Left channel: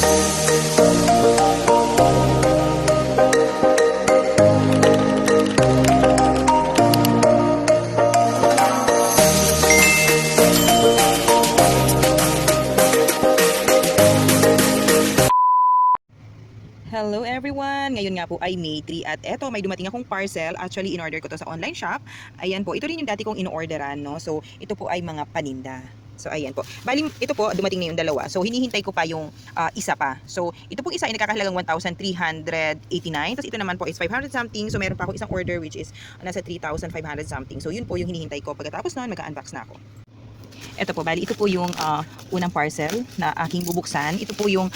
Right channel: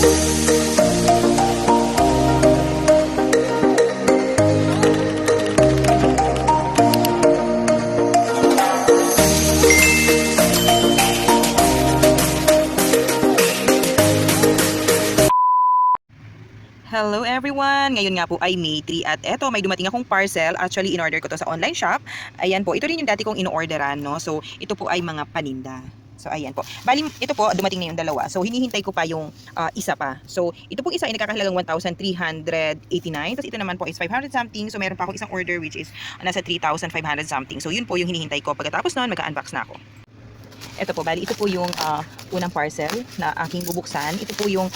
Hello everyone! Ngayon nga po ay May 3 at eto may dumating akong parcel. Actually, in-order ko to sa online shop. Ayan po, ito rin yung dati kong in-orderan, no? So, ito po ay mga paninda. So, ayan po. Bali, ito po, dumating na yung dalawa. So, hinihintay ko pa yung isa pa. So, ito po isa ay nagkakahalagang 1,389. Tapos ito naman po is 500 something. So, meron pa akong isang order which is nasa 3,500 something. So, yun po yung hinihintay ko. Pagkatapos nun, mag-unbox na ako. Ito po, bali, ito po yung unang parcel na aking bubuksan. Ito po yung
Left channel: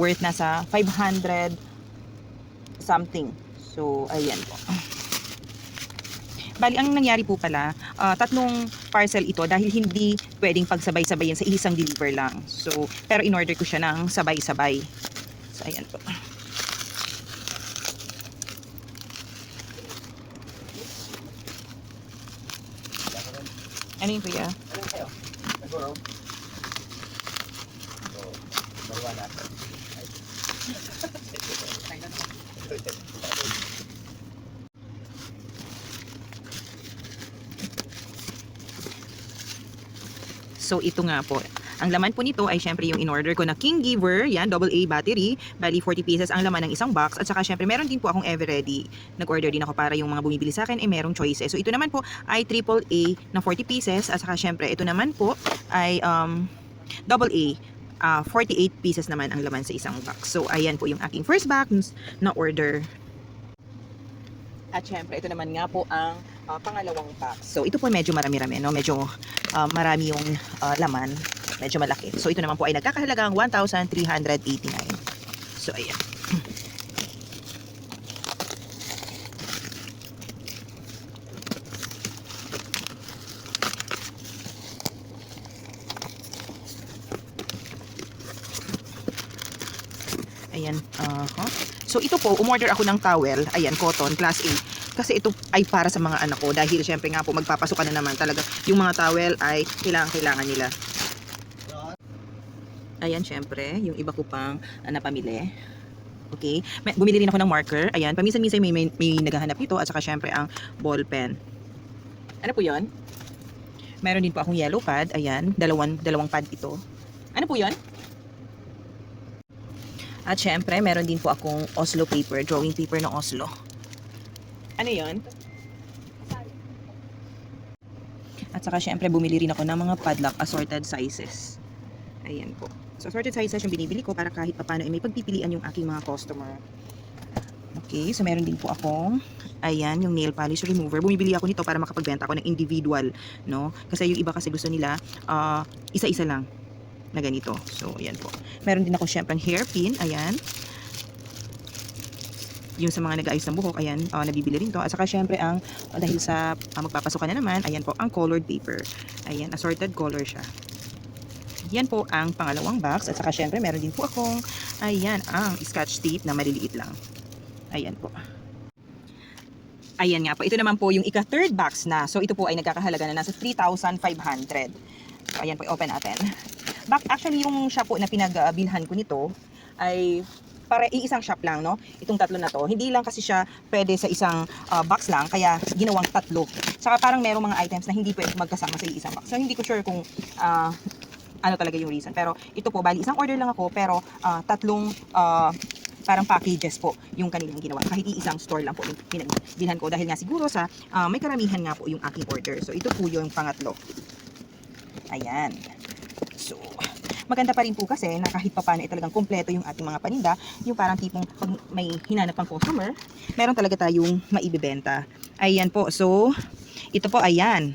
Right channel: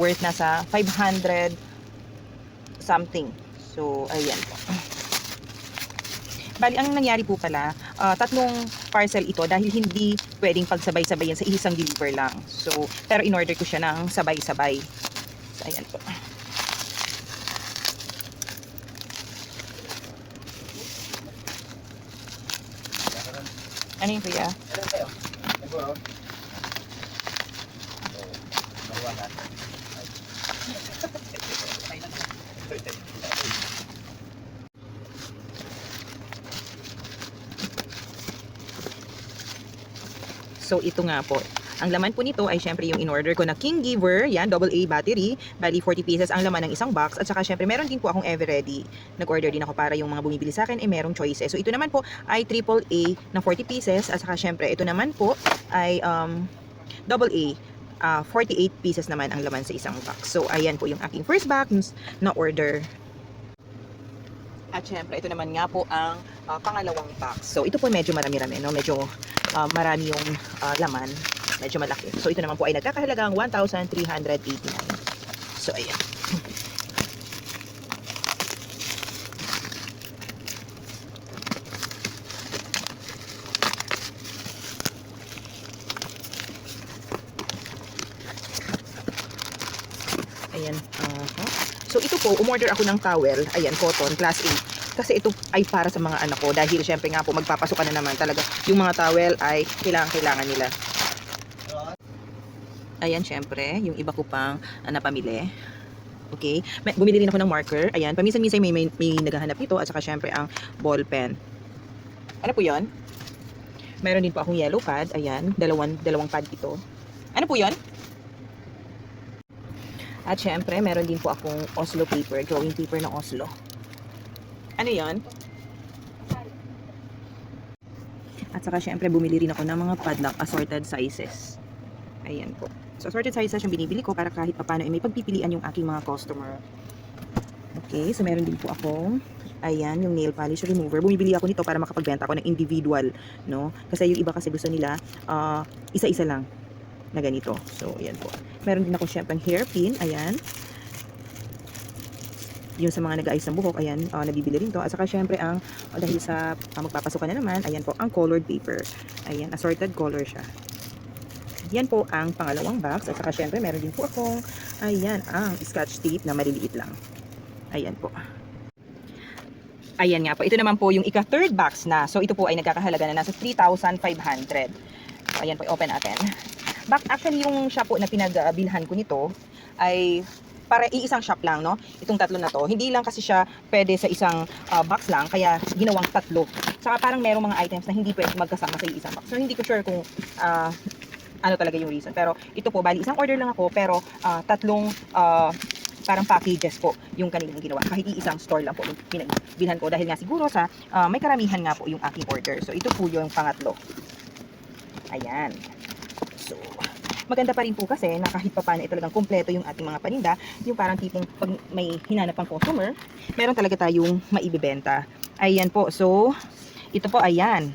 worth nasa 500 something. So, ayan po. Bali, ang nangyari po pala, tatlong parcel ito dahil hindi pwedeng pagsabay-sabayan sa isang deliver lang. So, pero in-order ko siya ng sabay-sabay. So, ayan po. Ano yun, kuya? So ito nga po. Ang laman po nito ay syempre yung in-order ko na King Giver, yan, AA battery. Bali 40 pieces ang laman ng isang box. At saka syempre meron din po akong Everready. Nag-order din ako para yung mga bumibili sa akin ay merong choices. So ito naman po ay AAA na 40 pieces. At saka syempre ito naman po ay AA. 48 pieces naman ang laman sa isang box. So ayan po yung aking first box na order. At syempre, ito naman nga po ang pangalawang box. So, ito po medyo marami-rami, no? Medyo marami yung laman. Medyo malaki. So, ito naman po ay nagkakahalagang 1,389. So, ayan. Ayan. So ito po, umorder ako ng towel, ayan, cotton, class A. Kasi ito ay para sa mga anak ko dahil syempre nga po magpapasok ka na naman talaga. Yung mga towel ay kailangan nila. Ayan, syempre, yung iba ko pang napamili. Okay, bumili rin ako ng marker. Ayan, paminsan-minsan may naghahanap nito at saka syempre ang ball pen. Ano po 'yon? Meron din po akong yellow pad, ayan, dalawang pad ito. Ano po 'yon? At syempre, meron din po akong Oslo paper, drawing paper ng Oslo. Ano yon? At saka syempre, bumili rin ako ng mga padlock assorted sizes. Ayan po. So, assorted sizes yung binibili ko para kahit paano ay may pagpipilian yung aking mga customer. Okay, so meron din po akong, ayan, yung nail polish remover. Bumibili ako nito para makapagbenta ako ng individual, no? Kasi yung iba kasi gusto nila, isa-isa lang na ganito. So, ayan po. Meron din ako syempre hairpin, ayan. Yung sa mga nag-aayos ng buhok, ayan, nabibili rin to. At saka syempre ang, dahil sa magpapasukan na naman, ayan po, ang colored paper. Ayan, assorted color siya. Yan po ang pangalawang box. At saka syempre, meron din po akong, ayan, ang scotch tape na maliliit lang. Ayan po. Ayan nga po. Ito naman po yung ika-third box na. So, ito po ay nagkakahalaga na nasa 3,500. Ayan po, open natin. Actually, yung shop po na pinagbilhan ko nito ay para iisang shop lang, no? Itong tatlo na to. Hindi lang kasi siya pwede sa isang box lang, kaya ginawang tatlo. Saka parang merong mga items na hindi pwede magkasama sa isang box. So, hindi ko sure kung ano talaga yung reason. Pero ito po, bali, isang order lang ako, pero tatlong parang packages po yung kanilang ginawa. Kahit iisang store lang po yung pinagbilhan ko. Dahil nga siguro sa may karamihan nga po yung aking order. So, ito po yung pangatlo. Ayan. So, maganda pa rin po kasi na kahit papaano ay talagang kumpleto yung ating mga paninda, yung parang tipong pag may hinanap ang customer, meron talaga tayong maibibenta. Ayan po. So, ito po, ayan.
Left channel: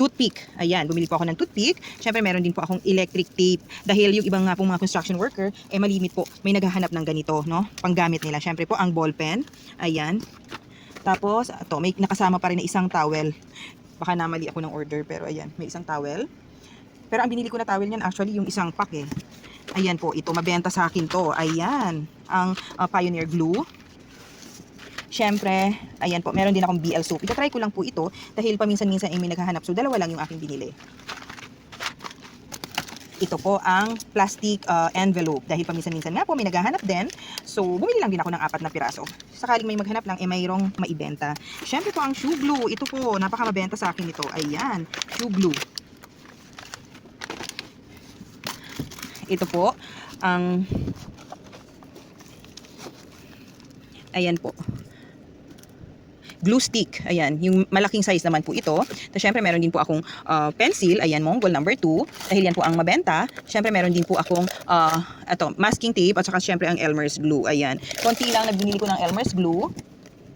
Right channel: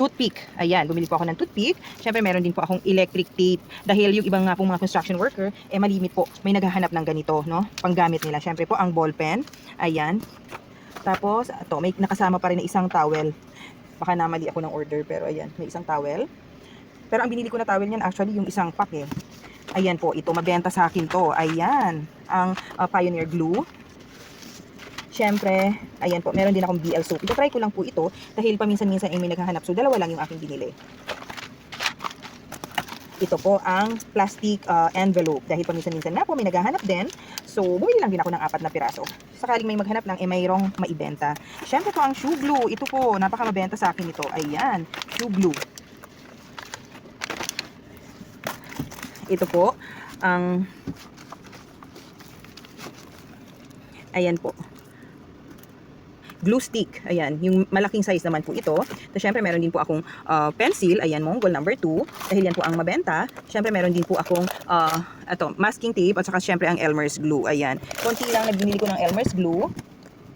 Toothpick. Ayan, bumili po ako ng toothpick. Syempre, meron din po akong electric tape. Dahil yung ibang nga pong mga construction worker, malimit po, may naghahanap ng ganito, no? Panggamit nila. Syempre po, ang ball pen. Ayan. Tapos, ito, may nakasama pa rin na isang towel. Baka namali ako ng order, pero ayan, may isang towel. Pero ang binili ko na towel yun actually yung isang pack eh. Ayan po, ito mabenta sa akin to. Ayan, ang Pioneer Glue. Syempre, ayan po, meron din akong BL soap. Ito try ko lang po ito dahil paminsan-minsan ay may naghahanap. So dalawa lang yung aking binili. ito po ang plastic envelope. Dahil paminsan-minsan na po may naghahanap din. So, bumili lang din ako ng 4 na piraso. Sakaling may maghanap lang, mayroong maibenta. Siyempre po ang shoe glue. Ito po, napakamabenta sa akin ito. Ayan, shoe glue. Ito po, ang... Ayan po. Glue stick. Ayan, yung malaking size naman po ito. So, syempre, meron din po akong pencil. Ayan, Mongol number 2. Dahil yan po ang mabenta. Syempre, meron din po akong masking tape at saka syempre ang Elmer's glue. Ayan. Konti lang nabinili ko ng Elmer's glue.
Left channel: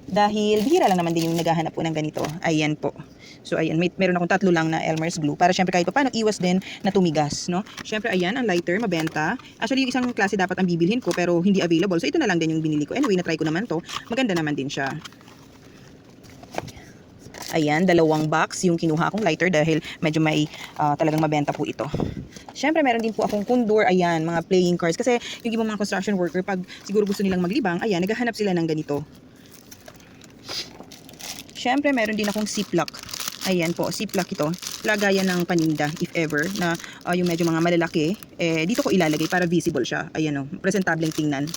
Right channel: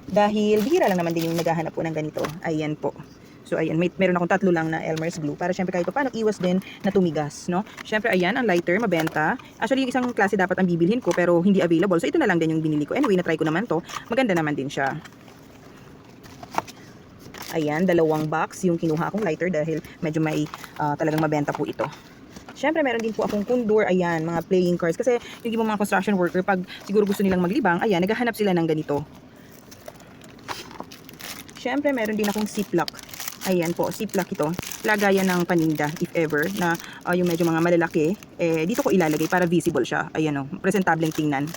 Dahil bihira lang naman din yung naghahanap po ng ganito. Ayan po. So, ayan. Meron akong 3 lang na Elmer's glue. Para syempre kahit pa paano iwas din na tumigas. No? Syempre, ayan, ang lighter, mabenta. Actually, yung isang klase dapat ang bibilhin ko pero hindi available. So, ito na lang din yung binili ko. Anyway, na-try ko naman to. Maganda naman din siya. Ayan, 2 box yung kinuha akong lighter dahil medyo may talagang mabenta po ito. Siyempre, meron din po akong kundor, ayan, mga playing cards. Kasi yung ibang mga construction worker, pag siguro gusto nilang maglibang, ayan, naghahanap sila ng ganito. Siyempre, meron din akong ziplock. Ayan po, ziplock ito. Lagayan ng paninda, if ever, na yung medyo mga malalaki, dito ko ilalagay para visible siya. Ayan o, presentableng tingnan.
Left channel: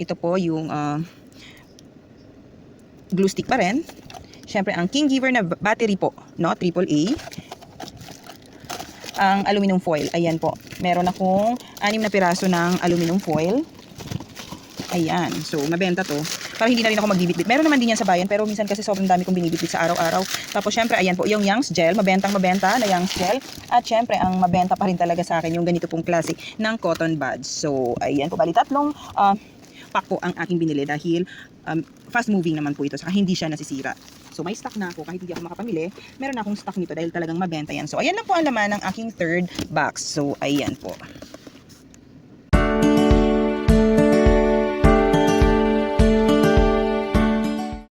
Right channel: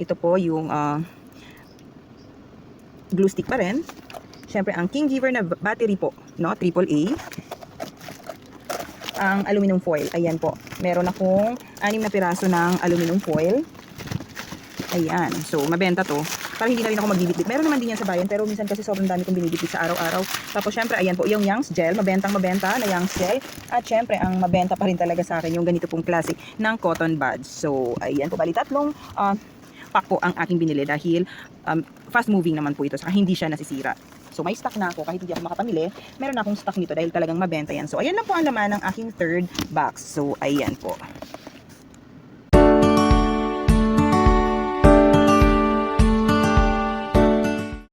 Ito po yung glue stick pa rin. Siyempre, ang King Giver na battery po, no? AAA. Ang aluminum foil, ayan po. Meron akong 6 na piraso ng aluminum foil. Ayan, so mabenta to. Para hindi na rin ako magbibitbit. Meron naman din yan sa bayan, pero minsan kasi sobrang dami kong binibitbit sa araw-araw. Tapos syempre, ayan po, yung Young's Gel, mabenta na Young's Gel. At syempre, ang mabenta pa rin talaga sa akin, yung ganito pong klase ng cotton buds. So, ayan po, bali 3 pack po ang aking binili dahil fast moving naman po ito, saka hindi siya nasisira. So, may stock na ako kahit hindi ako makapamili. Meron na akong stock nito dahil talagang mabenta yan. So, ayan na po ang laman ng aking 3rd box. So, ayan po.